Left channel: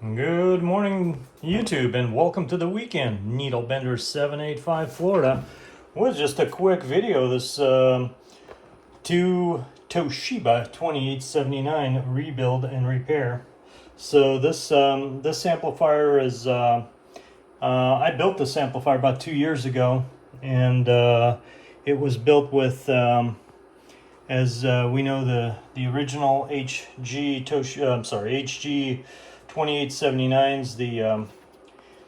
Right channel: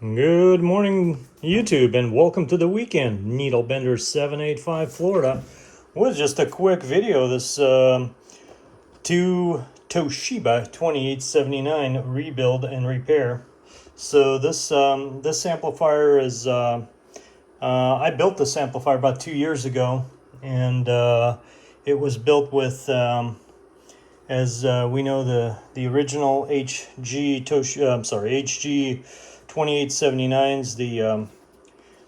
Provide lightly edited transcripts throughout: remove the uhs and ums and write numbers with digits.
Good morning, YouTube, and welcome to the weekend. Needlebender 785 Florida. It was just a quick video. This 2Toshiba 2879 rebuild and repair. So this amplifier is I built this amplifier about 2 years ago, and it was built with as we know, the original HG HG 2879s,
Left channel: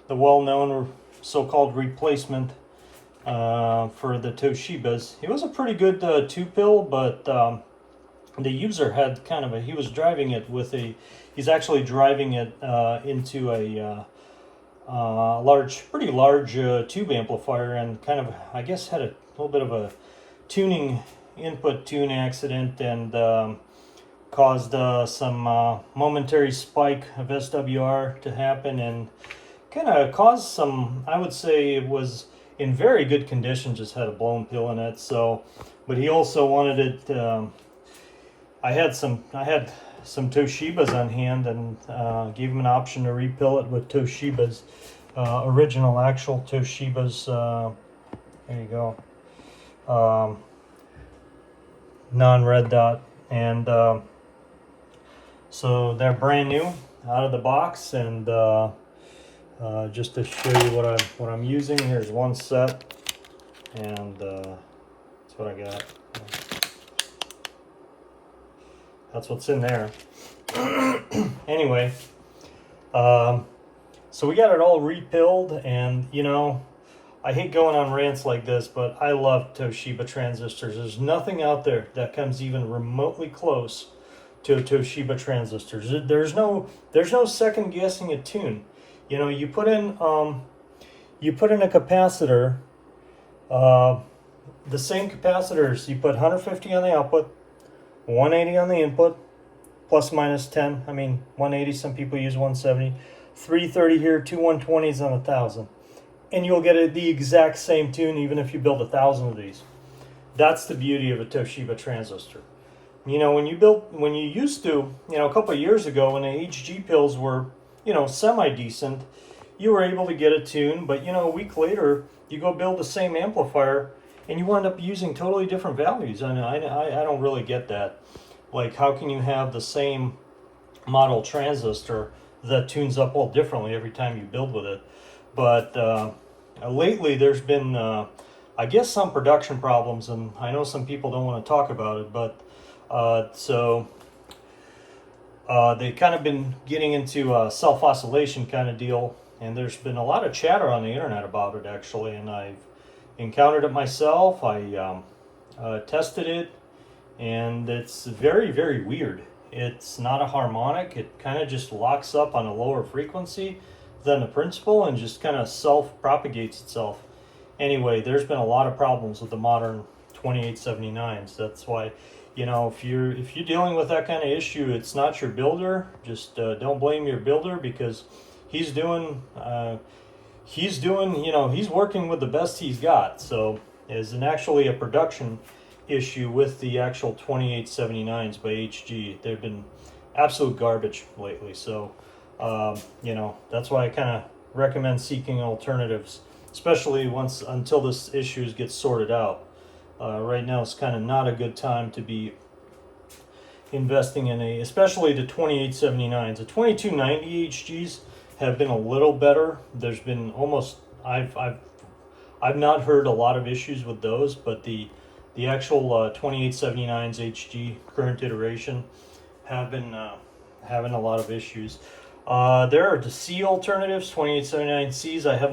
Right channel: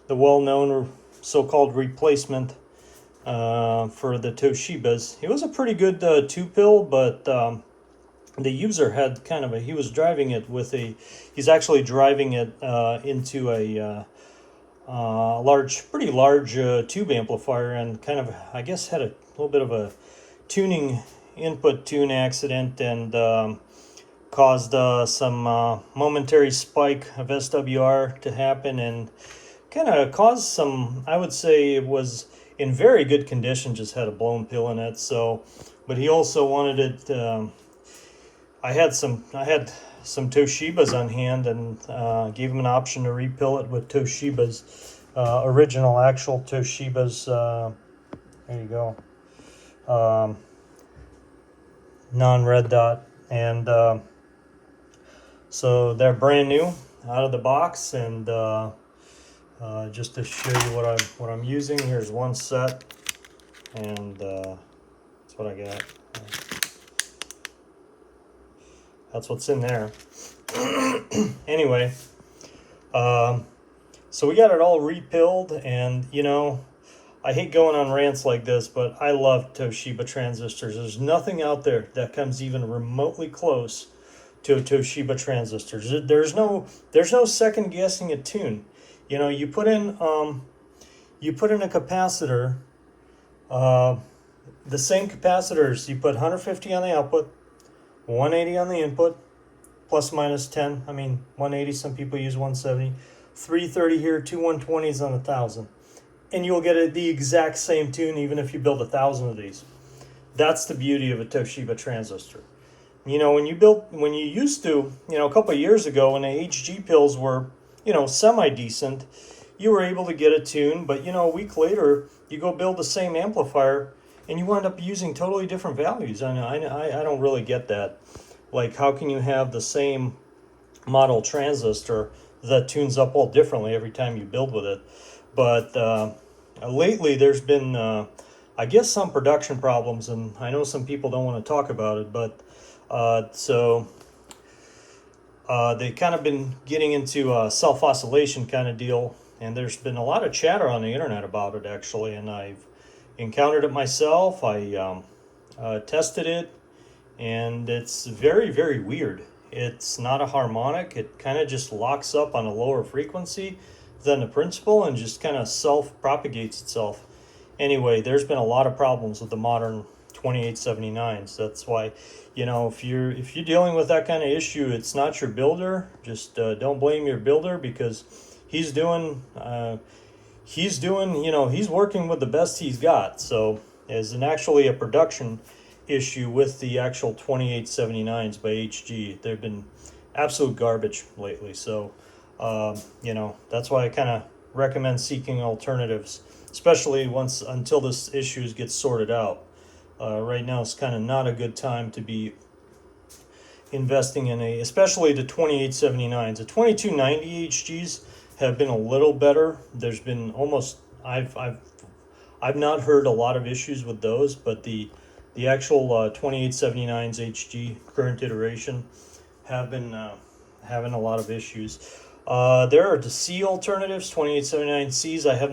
the well-known so-called replacement for the Toshibas. It was a pretty good two-pill, but the user had kind of he was driving it with he's actually driving it into a pretty large tube amplifier, and kind of, I guess, had a little bit of a input tune accident, and caused some momentary spike of SWR to happen, and kind of caused some, I would say it was in very good condition, just had a blown pill in it. So, but he also wanted it, I had some Toshibas on hand, and gave him an option to repill it with Toshibas, original actual Toshibas, there you go, non-red dot, and so they're brand new out of the box. And just to show you what I'm using, here's one set, and that's what I got. That's what's in there. Anyway, so we got it all repilled, and I hate going on rants like this, but I love Toshiba transistors. There's nothing out there that comes even remotely close to a Toshiba transistor. There's no second guessing a tune. You put in a capacitor, the same capacitors. You put 150 on the output, 180 on the input, plus minus 10. I mean 180. Some people use 170. 330 here, two 120s on 1,000. And you'll get the exact same tune even if you build 1,000 of these. That's the beauty of a Toshiba transistor. When you used to, a couple of years ago, when the HG pills were, semi-decent, you were able to get a tune, but a week later, you go build the same amplifier, and you wind up using totally different values. I don't really get that. Like, how can you have the same model transistor that tunes up all differently every time you build with it? But lately there's been, I guess, some production problems, and I know some people don't want to talk about it, but so they kind of been getting into a self-oscillation kind of deal, and there's been a lot of chatter on the internet about it, actually, and I've encountered it myself. I tested it, and it's very, very weird. It's not a harmonic. It kind of just locks up on a lower frequency than the principal, and just kind of self-propagates itself. Anyway, there's been a lot of problems with the modern 2879s. That's why, if you're dealing with that kind of issue, it's not your builder. Just don't blame your builder, because he's working with the best he's got. So, as actually a production issue with the actual 2879s by HG, they've been absolute garbage lately. So, that's why I kind of recommend seeking alternatives, especially until this issues get sorted out. Right now, it's kind of not a good time to be investing in especially the 2879s. The 2290 HGs have been a little better. There's been I've not heard a lot of issues with those, but the actual 2879s HG current iteration have been having a lot of issues. There are the C alternatives, 2879Cs. I have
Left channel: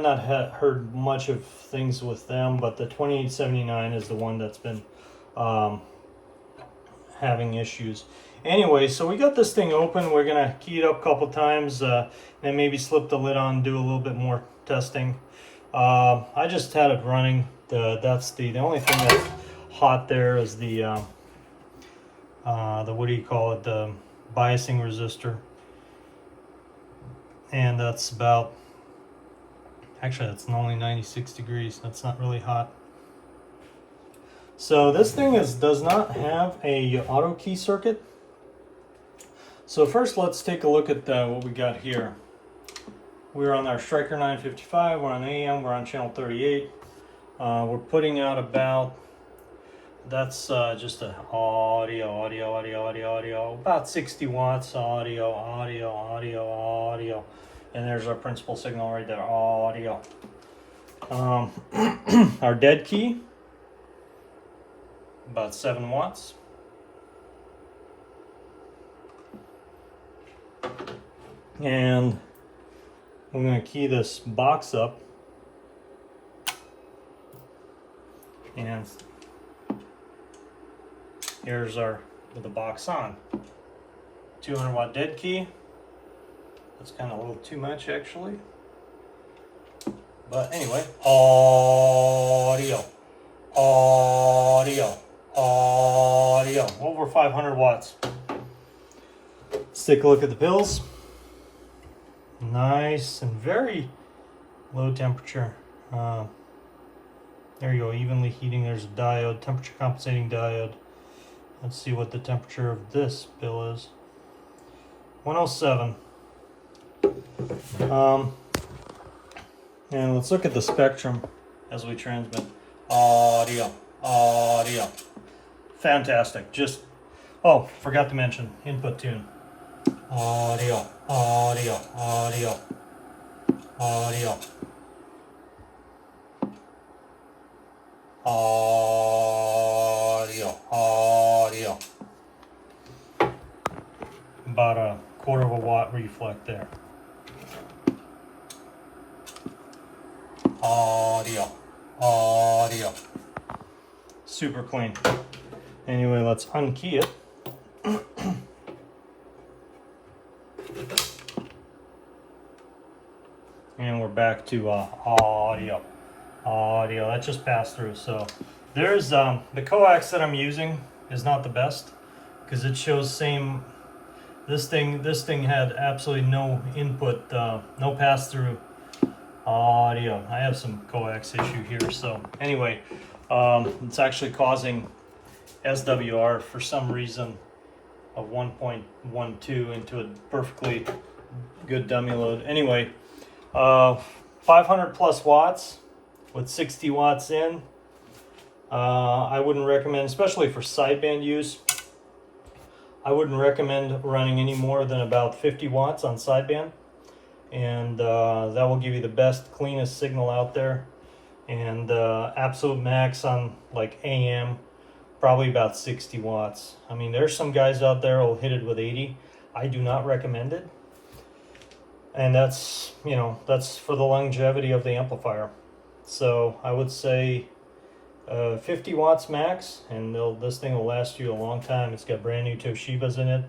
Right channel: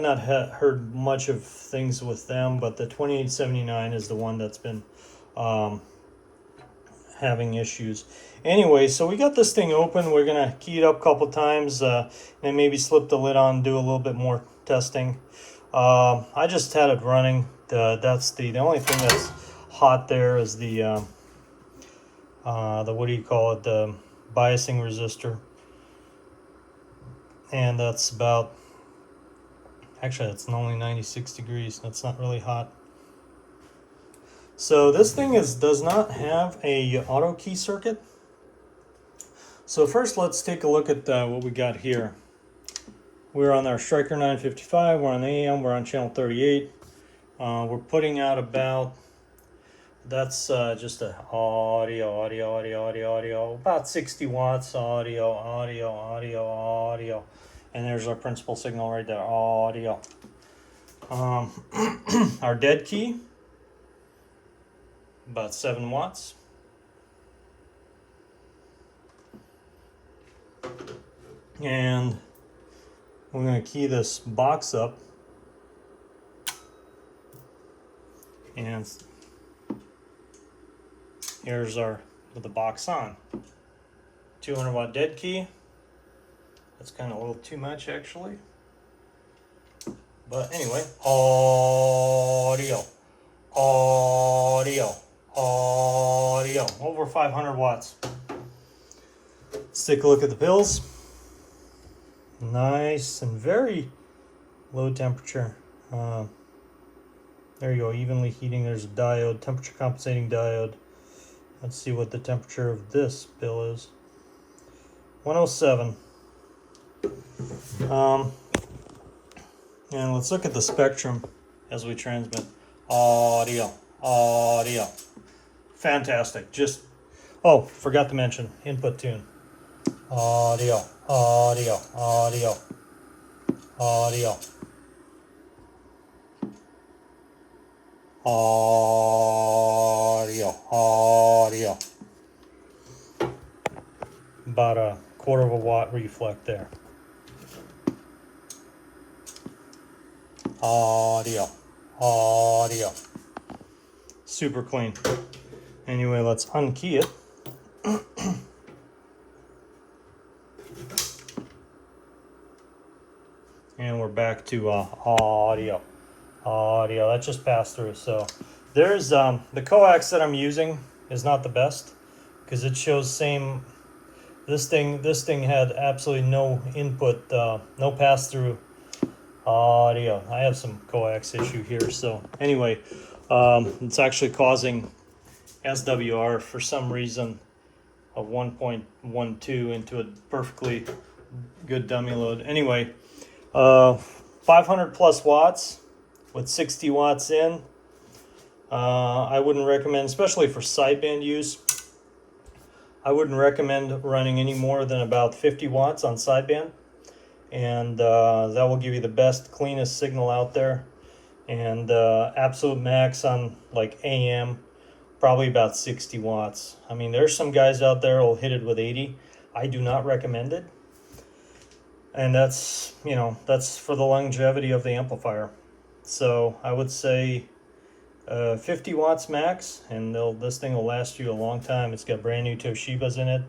not heard much of things with them, but the 2879 is the one that's been having issues. Anyway, so we got this thing open. We're gonna key it up a couple times, and maybe slip the lid on, do a little bit more testing. I just had it running. The only thing that's hot there is the what do you call it, the biasing resistor, and that's about, actually that's only 96 degrees. That's not really hot. So this thing does not have a auto key circuit. So first, let's take a look at what we got here. We're on our Striker 955. We're on AM. We're on channel 38. We're putting out about, that's just a audio, about 60 watts audio, and there's our principal signal right there, audio. Our dead key, about 7 watts. And we're going to key this box up, and here's our with the box on. 200 watt dead key. That's kind of a little too much actually, but anyway, audio, over 500 watts. Let's take a look at the pills. Nice and very low temperature. There you go, evenly heating. There's a diode, temperature compensating diode. Let's see what the temperature of this pill is. 107. And let's look at the spectrum as we transmit. Audio. Fantastic. Just, oh, forgot to mention, input tune. Audio. About a quarter of a watt reflect there. Audio. Super clean. Anyway, let's unkey it. And we're back to audio. That just passed through. So there's the coax that I'm using is not the best because it shows same. This thing had absolutely no input, no pass through audio. I have some coax issue here. So anyway, it's actually causing SWR for some reason of 1.12 into a perfectly good dummy load. Anyway. 500 plus watts with 60 watts in. I wouldn't recommend, especially for sideband use, I wouldn't recommend running any more than about 50 watts on sideband, and that will give you the best, cleanest signal out there. And absolute max on like AM, probably about 60 watts. I mean, there's some guys out there who'll hit it with 80. I do not recommend it. And that's, you know, that's for the longevity of the amplifier. So I would say 50 watts max, and this thing will last you a long time. It's got brand new Toshibas in it.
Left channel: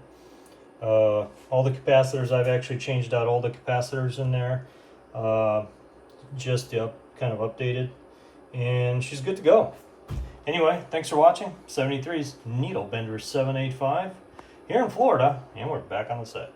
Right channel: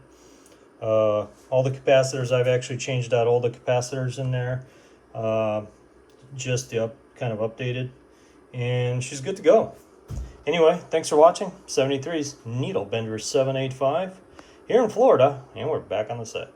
All the capacitors, I've actually changed out all the capacitors in there, just kind of updated, and she's good to go. Anyway, thanks for watching. 73's Needle Bender 785 here in Florida, and we're back on the set.